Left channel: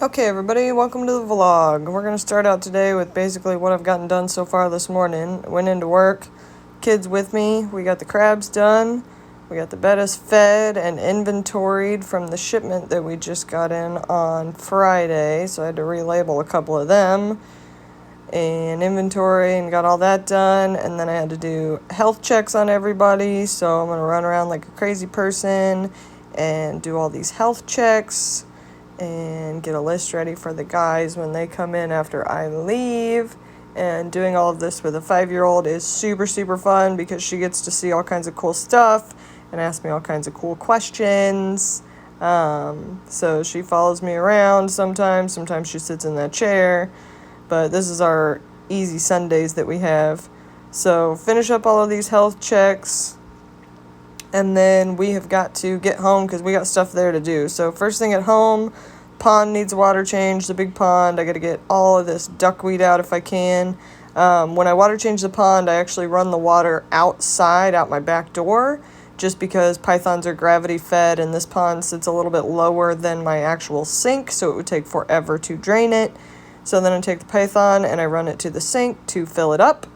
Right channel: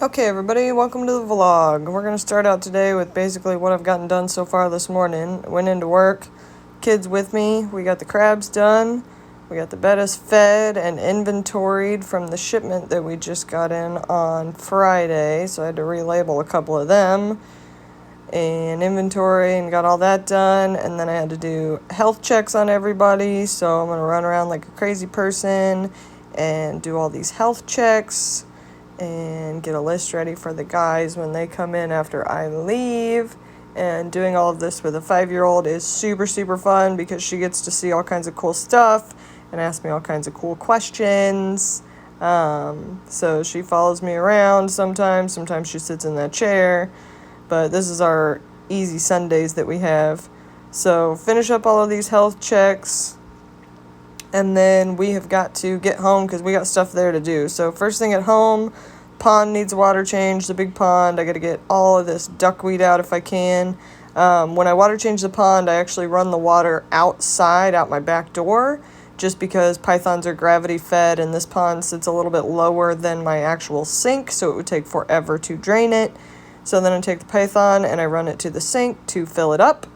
Okay, everybody, welcome to the vlog. We're going to start out today with basically what I've gotten done so far this morning. I went into work, kids with me, we got the crabs done, we got the bettas fed and inventoried from the shipment that we just got in on Friday, so I had to relabel a couple of them, and inventory and got all that done, and then I had to do health checks on everybody, so I'm going to run around like a crazy person and do all these health checks and get a list ready for the guys when they come in after I leave. And doing all of this with a 5-year-old is super fun because she gets to see all kinds of cool stuff and ask me all kinds of cool questions. So she follows me around sometimes she sits in that chair, but this is our easy Sundays that we have. So finish up all of these health checks, and then we have got to get home because we got stuff there to do. So first thing at home, pond needs water change, the big pond. I got to get all of this duckweed out if I can. When I water change the pond, I actually run the water outside, out my back door, just because pythons are gravity fed and this pond sits a little bit lower than my actual sink, so it would take forever to drain it. So then I take the python and I run it to the sink to fill it up.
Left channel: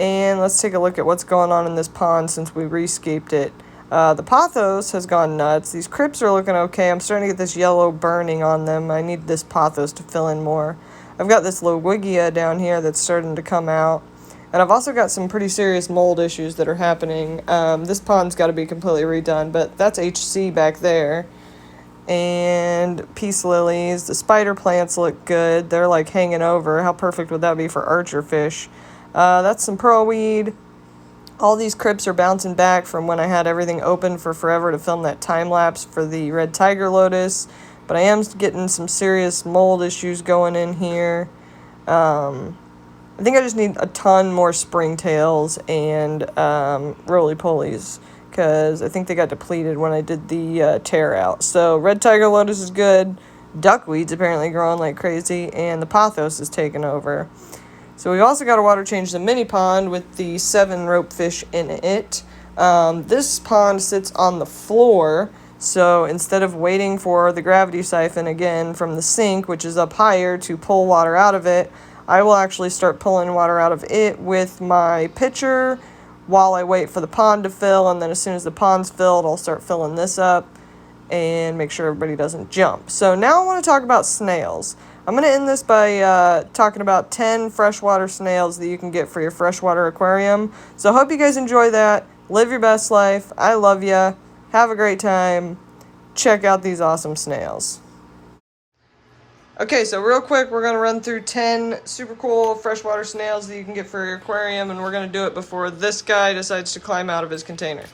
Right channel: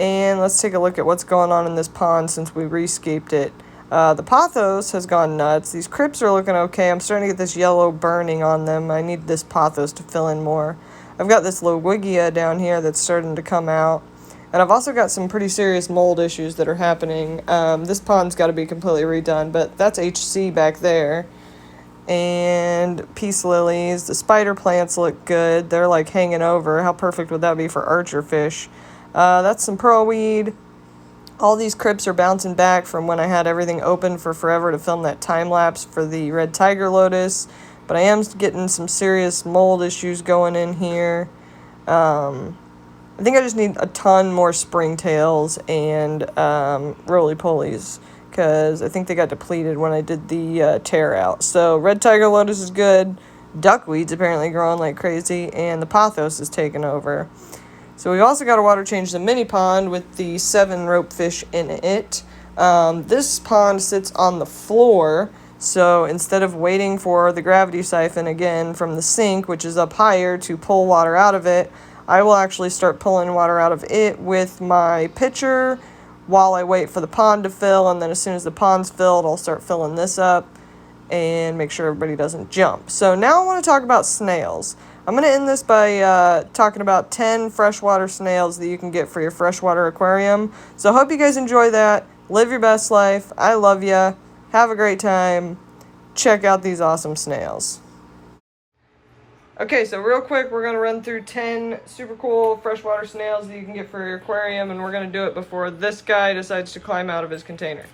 And let's take a look at what's going on in this pond since we rescaped it. The pothos has gone nuts. These crypts are looking okay. I'm starting to get this yellow burning on them. I need this pothos to fill in more. I've got this Lowigia down here that's starting to come out. And I've also got some pretty serious mold issues that are happening. This pond's got to be completely redone, but that's HC back there. And peace lilies. The spider plants look good. They're like hanging over. How perfect would that be for archer fish? That's some pearlweed. All these crypts are bouncing back from when I had everything open for forever to film that time lapse for the red tiger lotus. But I am getting some serious mold issues going in here. I think I just need a ton more springtails and roly-polies, because I think they got depleted when I did the tear out. So red tiger lotus is good. Duckweed's apparently growing like crazy, and the pothos is taking over. So we've also got to water change the mini pond with the 7 rope fish in it. This pond sits on the floor, so instead of waiting for the gravity siphon again from the sink, which is up higher, to pull water out of it, I will actually start pulling water out of it with my pitcher while I wait for the pond to fill, and then as soon as the pond's filled, I'll start filling this up and make sure everybody doesn't jump. So now I want to talk about snails. I'm going to end this by talking about 10 freshwater snails that you can get for your freshwater aquarium. So I hope you guys enjoy that. Live your best life. I love ya. Have a great time. Check out these awesome snails. Okay, so real quick, we're going to run through 10 super cool freshwater snails that you can get for your aquarium, and we're going to do it before this guy decides to climb out of his container.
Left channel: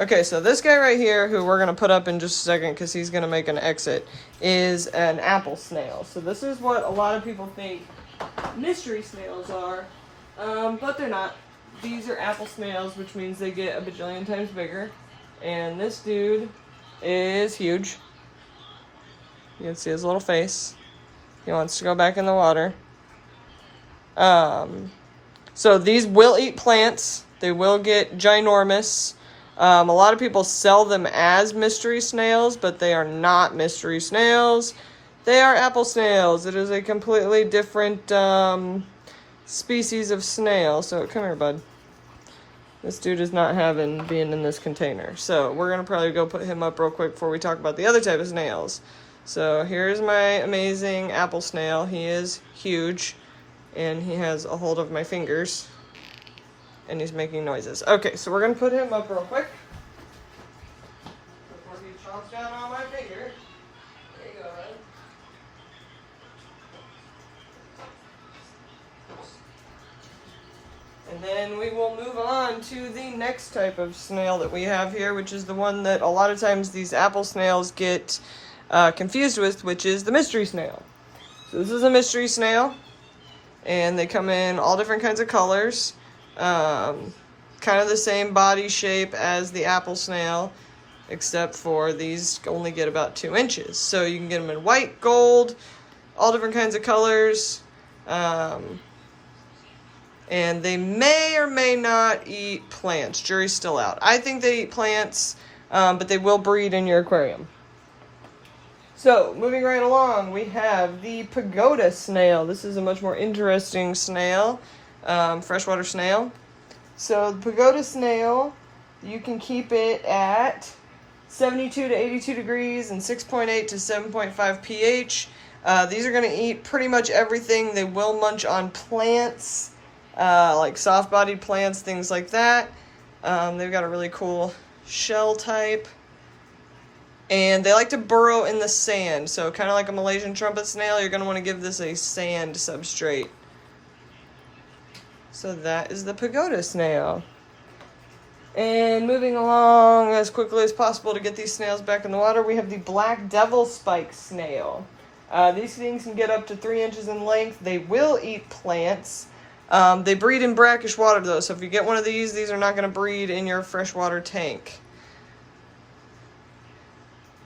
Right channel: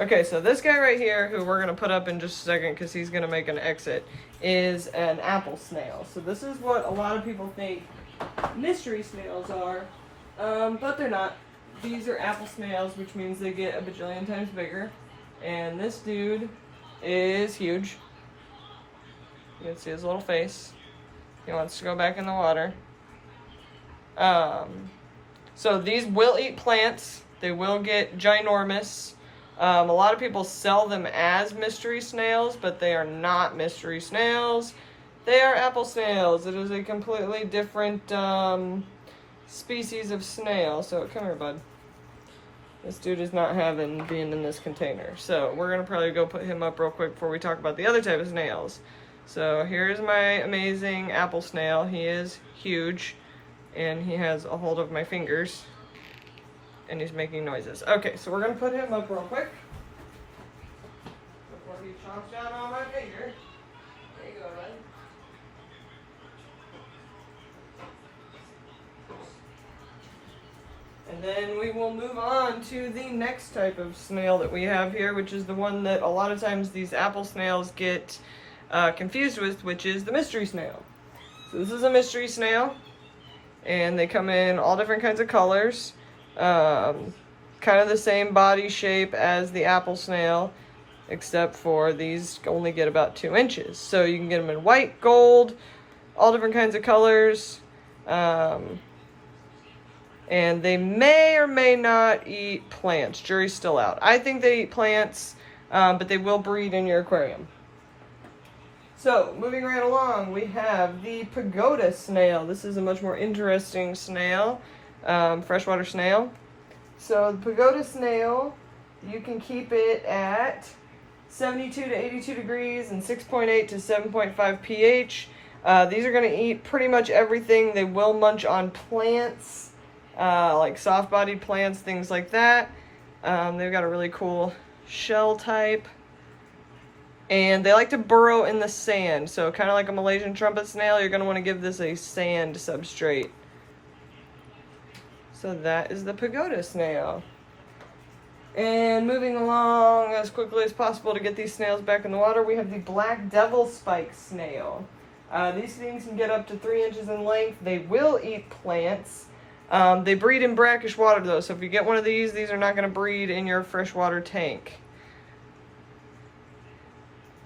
Okay, so this guy right here, who we're going to put up in just a second because he's going to make an exit, is an apple snail. So this is what a lot of people think mystery snails are, but they're not. These are apple snails, which means they get a bajillion times bigger. And this dude is huge. You can see his little face. He wants to go back in the water. So these will eat plants. They will get ginormous. A lot of people sell them as mystery snails, but they are not mystery snails. They are apple snails. It is a completely different species of snail. So come here, bud. This dude is not having being in this container. So we're going to probably go put him up real quick before we talk about the other type of snails. So here's my amazing apple snail. He is huge, and he has a hold of my fingers. And he's making noises. Okay, so we're going to put him up real quick before he chomps down on my finger. There you go, man. And then we will move on to the next type of snail that we have here, which is the one that a lot of times these apple snails get confused with, which is the mystery snail. So this is a mystery snail, and they come in all different kinds of colors. Kind of the same body shape as the apple snail, except for these only get about 2 inches. So you can get them in white, gold, all different kinds of colors. And they may or may not eat plants. Jury's still out. I think they eat plants, but they will breed in your aquarium. So, moving right along, we have the pagoda snail. This is a much more interesting snail, freshwater snail. So, the pagoda snail, you can keep it at 72 to 82 degrees and 6.8 to 7.5 pH. These are going to eat pretty much everything. They will munch on plants, like soft-bodied plants, things like that. They've got a really cool shell type. And they like to burrow in the sand. So kind of like a Malaysian trumpet snail, you're going to want to give this a sand substrate. So that is the pagoda snail. And moving along as quickly as possible to get these snails back in the water, we have the black devil spike snail. These things can get up to 3 inches in length. They will eat plants. They breed in brackish water though, so if you get one of these are not going to breed in your freshwater tank.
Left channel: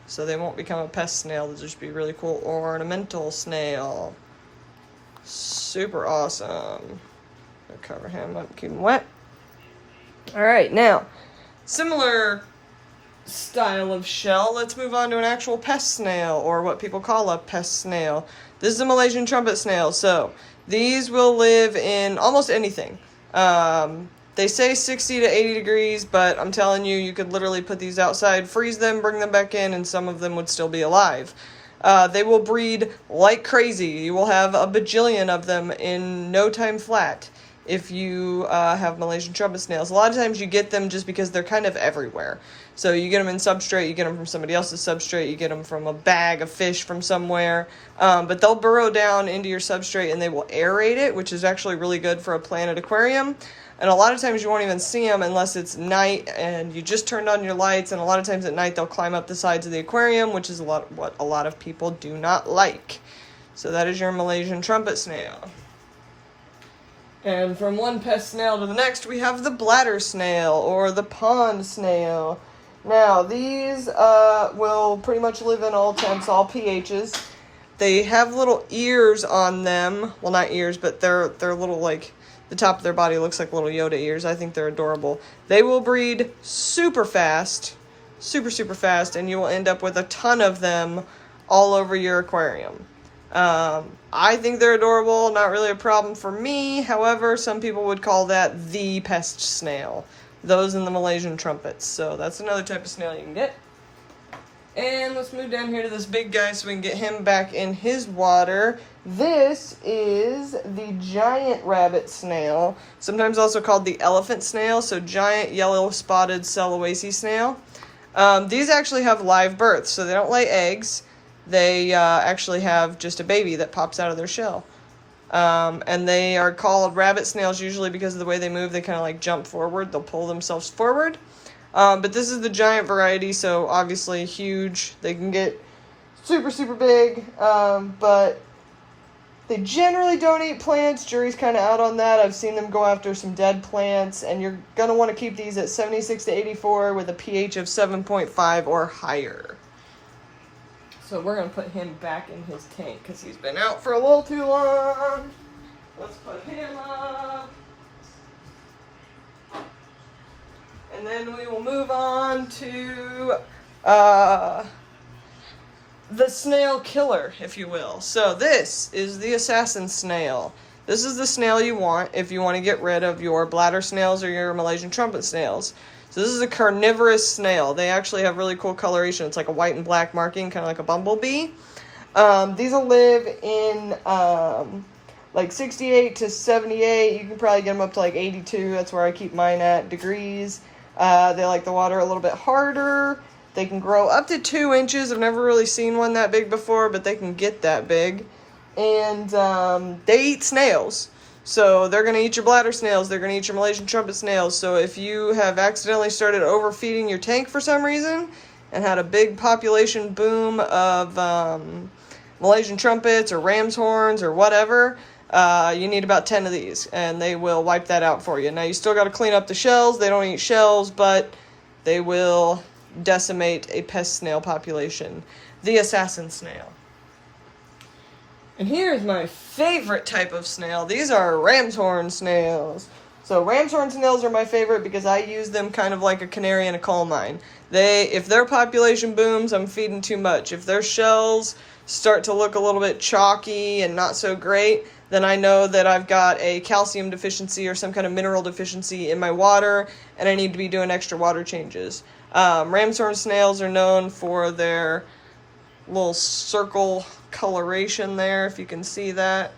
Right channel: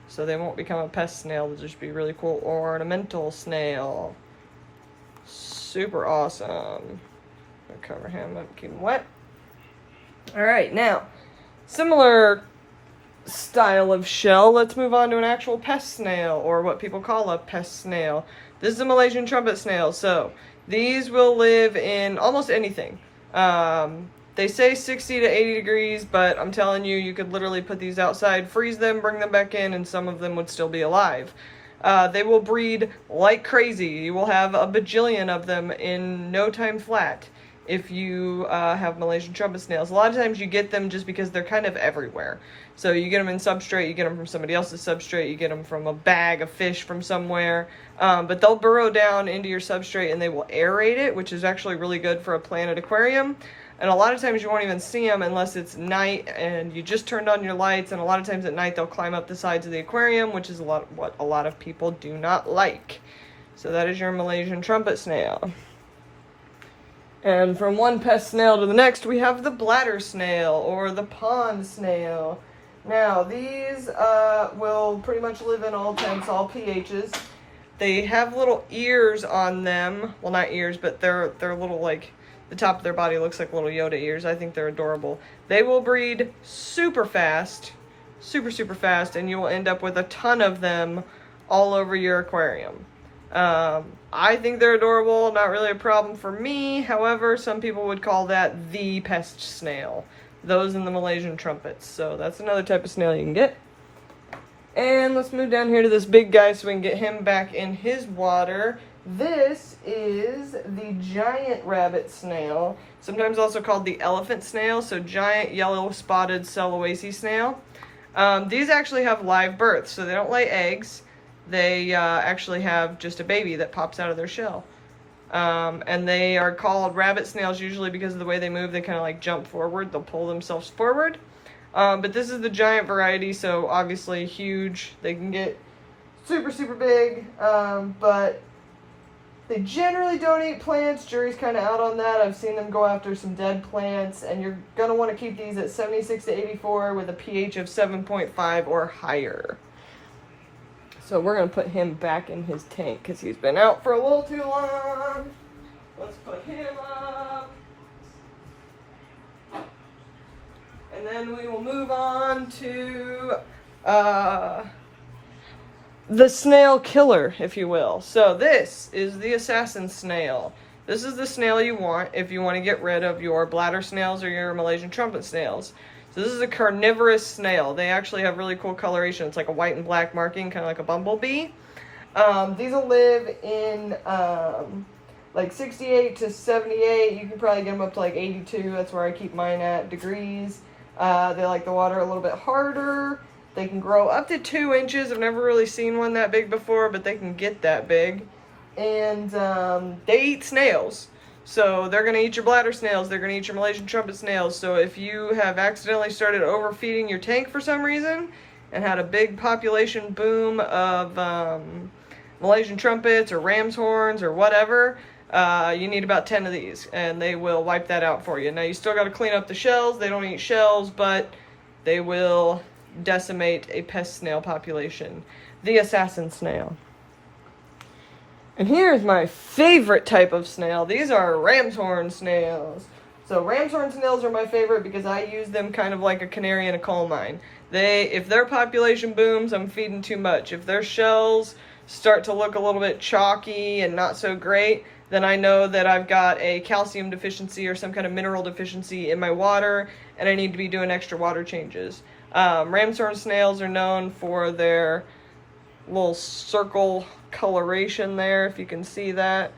So they won't become a pest snail, they'll just be really cool ornamental snail. Super awesome. I'll cover him up, keep him wet. Alright, now, similar style of shell, let's move on to an actual pest snail, or what people call a pest snail. This is a Malaysian trumpet snail, so these will live in almost anything. They say 60 to 80 degrees, but I'm telling you, you could literally put these outside, freeze them, bring them back in, and some of them would still be alive. They will breed like crazy. You will have a bajillion of them in no time flat if you have Malaysian trumpet snails. A lot of times you get them just because they're kind of everywhere. So you get them in substrate, you get them from somebody else's substrate, you get them from a bag of fish from somewhere. But they'll burrow down into your substrate and they will aerate it, which is actually really good for a planted aquarium. And a lot of times you won't even see them unless it's night and you just turned on your lights. And a lot of times at night they'll climb up the sides of the aquarium, which is what a lot of people do not like. So that is your Malaysian trumpet snail. And from one pest snail to the next, we have the bladder snail or the pond snail. Now these will pretty much live in all temps, all pHs. They have little ears on them. Well, not ears, but they're little, like, the top of their body looks like little Yoda ears. I think they're adorable. They will breed super fast, super fast, and you will end up with a ton of them all over your aquarium. I think they're adorable, not really a problem for me. However, some people would call that the pest snail. Those and the Malaysian trumpets. So that's another type of snail you can get. And let's move down here to this big guy so we can get him back in his water. This is the giant rabbit snail, sometimes also called the elephant snail, so giant yellow spotted Sulawesi snail. These actually have live births, so they don't lay eggs. They actually have just a baby that pops out of their shell. And they are called rabbit snails usually because of the way they move. They kind of like jump forward. They'll pull themselves forward. But this is the giant variety, so obviously huge. They can get super big, but they generally don't eat plants. Jury's kind of out on that. I've seen them go after some dead plants, and you're going to want to keep these at 76 to 84 with a pH of 7.5 or higher. So we're going to put him back in his tank because he's been out for a little too long. Let's put him up. And then we will move on to the snail killer, if you will. So this is the assassin snail. This is the snail you want if you want to get rid of your bladder snails or your Malaysian trumpet snails. So this is a carnivorous snail. They actually have really cool coloration. It's like a white and black marking, kind of like a bumblebee. These will live in like 68 to 78. You can probably get them up to like 82. That's where I keep mine at, degrees. They like the water a little bit harder. They can grow up to 2 inches. I've never really seen one that big before, but they can get that big. And they eat snails. So they're going to eat your bladder snails. They're going to eat your Malaysian trumpet snails. So if you have accidentally started overfeeding your tank for some reason and had a big population boom of Malaysian trumpets or ram's horns or whatever, you need about 10 of these, and they will wipe that out for you. Now, you still got to clean up the shells. They don't eat shells, but they will decimate a pest snail population. The assassin snail. And here's my favorite type of snail. These are ram's horn snails. So ram's horn snails are my favorite because I use them kind of like a canary in a coal mine. If their population booms, I'm feeding too much. If their shells start to look a little bit chalky and not so great, then I know that I've got a calcium deficiency or some kind of mineral deficiency in my water, and I need to be doing extra water changes. Ramshorn snails are known for their little circle coloration there, if you can see that.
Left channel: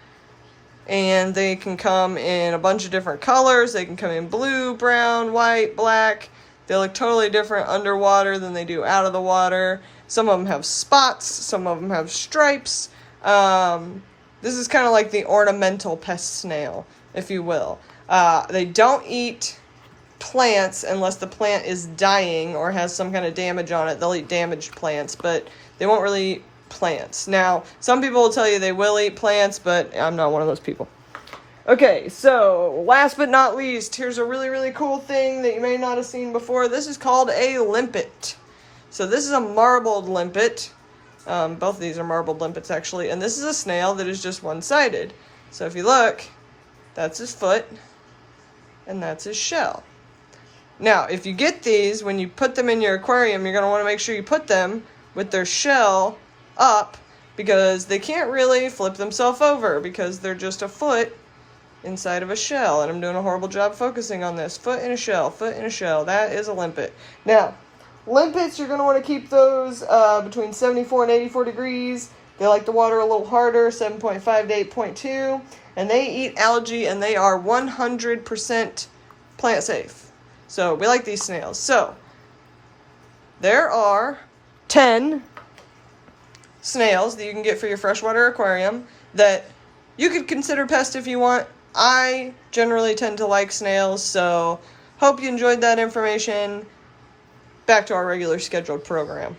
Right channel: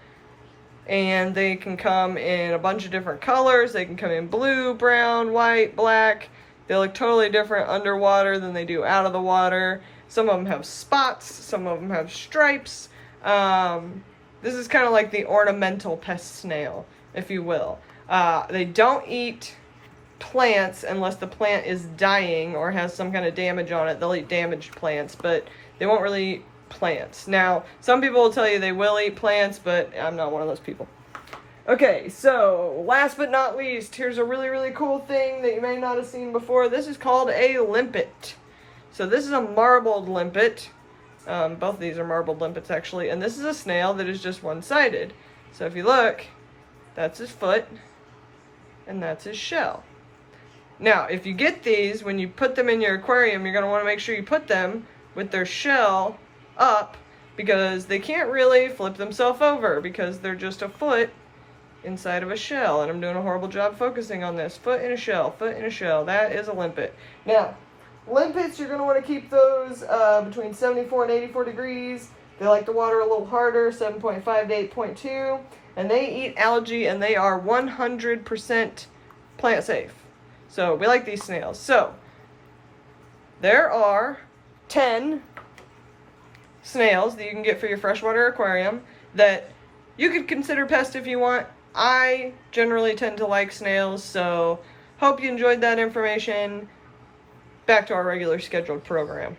And they can come in a bunch of different colors. They can come in blue, brown, white, black. They look totally different underwater than they do out of the water. Some of them have spots. Some of them have stripes. This is kind of like the ornamental pest snail, if you will. They don't eat plants unless the plant is dying or has some kind of damage on it. They'll eat damaged plants, but they won't really eat plants. Now, some people will tell you they will eat plants, but I'm not one of those people. Okay, so last but not least, here's a really, really cool thing that you may not have seen before. This is called a limpet. So this is a marbled limpet. Both of these are marbled limpets, actually. And this is a snail that is just one-sided. So if you look, that's his foot, and that's his shell. Now, if you get these, when you put them in your aquarium, you're going to want to make sure you put them with their shell up, because they can't really flip themselves over because they're just a foot inside of a shell. And I'm doing a horrible job focusing on this. Foot in a shell, foot in a shell. That is a limpet. Now, limpets, you're going to want to keep those between 74 and 84 degrees. They like the water a little harder, 7.5 to 8.2. And they eat algae, and they are 100% plant safe. So we like these snails. So there are 10 snails that you can get for your freshwater aquarium that you could consider pests if you want. I generally tend to like snails, so hope you enjoyed that information. Back to our regular scheduled program.